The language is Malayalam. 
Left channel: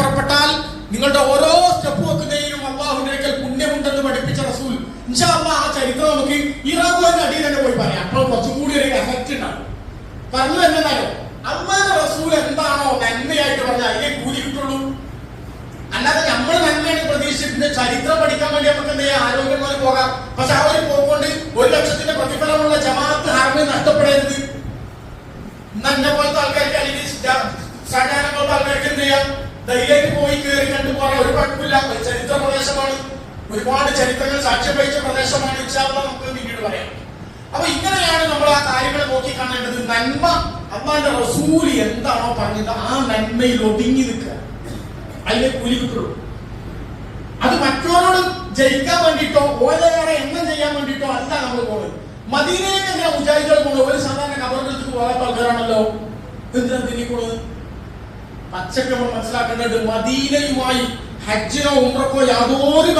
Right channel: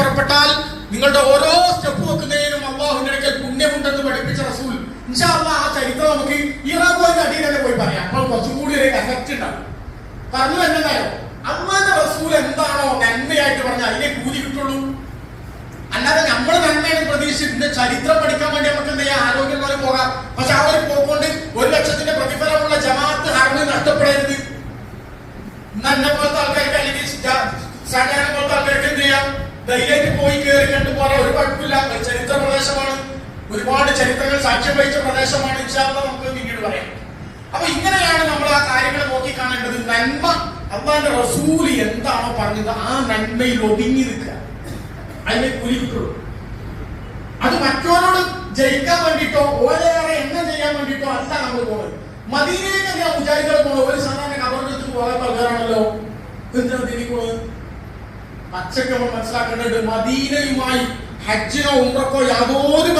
പുറപ്പെട്ടാൽ നിങ്ങളുടെ ഓരോ സ്റ്റെപ്പ് വെക്കുന്നതിനും അള്ളാഹുവിന്റെ അടുക്കൽ പുണ്യമുണ്ടെന്ന് പഠിപ്പിച്ച റസൂൽ. ഇൻഷാ അല്ലാഹ് ആ ചരിത്രം നമുക്ക് ഈ റബ്ബിന്റെ അടിയിൽ തന്നെ പോയി പറയാം. അപ്പോൾ കുറച്ചുകൂടി ഒരു എഫക്റ്റ് ഉണ്ടാവും. പറഞ്ഞു എന്താണോ അള്ളാഹുവിന്റെ റസൂൽ എന്താണോ നന്മയായിട്ട് പറഞ്ഞാൽ അതിനെ കൂലി കിട്ടുള്ളൂ. അല്ലാതെ നമ്മൾ നന്മയാണ് പ്രതീക്ഷിച്ചിട്ടുണ്ട്. ചരിത്രം പഠിക്കാൻ വേണ്ടി നമുക്ക് എന്ത് ചെയ്യാം, ആരോഗ്യമായി പോകാം. പക്ഷെ ആ ഒരു പോകൊണ്ട് 1,00,000 പ്രതിഫലമുള്ള ജമാഅത്ത് ഹറമ് നഷ്ടപ്പെടരുത്. എന്നെ പോലത്തെ ആൾക്കാർക്ക് അല്ലെങ്കിൽ ഷാജാനെ പോലത്തെ ആൾക്കാർക്ക് എന്ത് ചെയ്യാം, ധൈര്യമായിട്ട് പോയി കയറി കണ്ടു പോരാ, ഒരു കുഴപ്പമില്ല. ചരിത്ര പ്രദേശമാണ്, ഒരുപാട് ചരിത്രങ്ങൾ സാക്ഷ്യം വഹിച്ച പ്രദേശമാണ്. ഇൻഷാ അല്ലാഹ് നമുക്ക് പിന്നീട് പറയാം. അപ്പൊ ഇങ്ങനെയാണ് നമ്മൾ ആ കാര്യങ്ങൾ നോക്കി കാണേണ്ടത്. നന്മ അള്ളാഹുവിന്റെ റസൂല് എന്താണോ പറഞ്ഞത് ആ നന്മയിൽ ഒതുങ്ങി നിൽക്കുക, അതിനെ കൂലി കിട്ടുള്ളൂ. അത് മറ്റവരോട് ജയിക്കാൻ വേണ്ടിട്ടോ ഓരോരെ എണ്ണം ചെയ്യാൻ വേണ്ടിട്ടോ അല്ല നമ്മൾ പോകുന്നത്. മദീനയിലേക്ക് ഞാൻ വിചാരിച്ചാൽ പോകുന്നത് ഒരു സാധാരണ കബറിലേക്ക് പോകാത്ത ആൾക്കാരാണല്ലോ. എന്തിനാണ് തിരിക്കുന്നത്? പച്ചക്ക് നമ്മൾ മനസ്സിലാക്കേണ്ടത് മദീനയുമായി ഹജ്ജിനോ ഉംറക്കോ യാതൊരു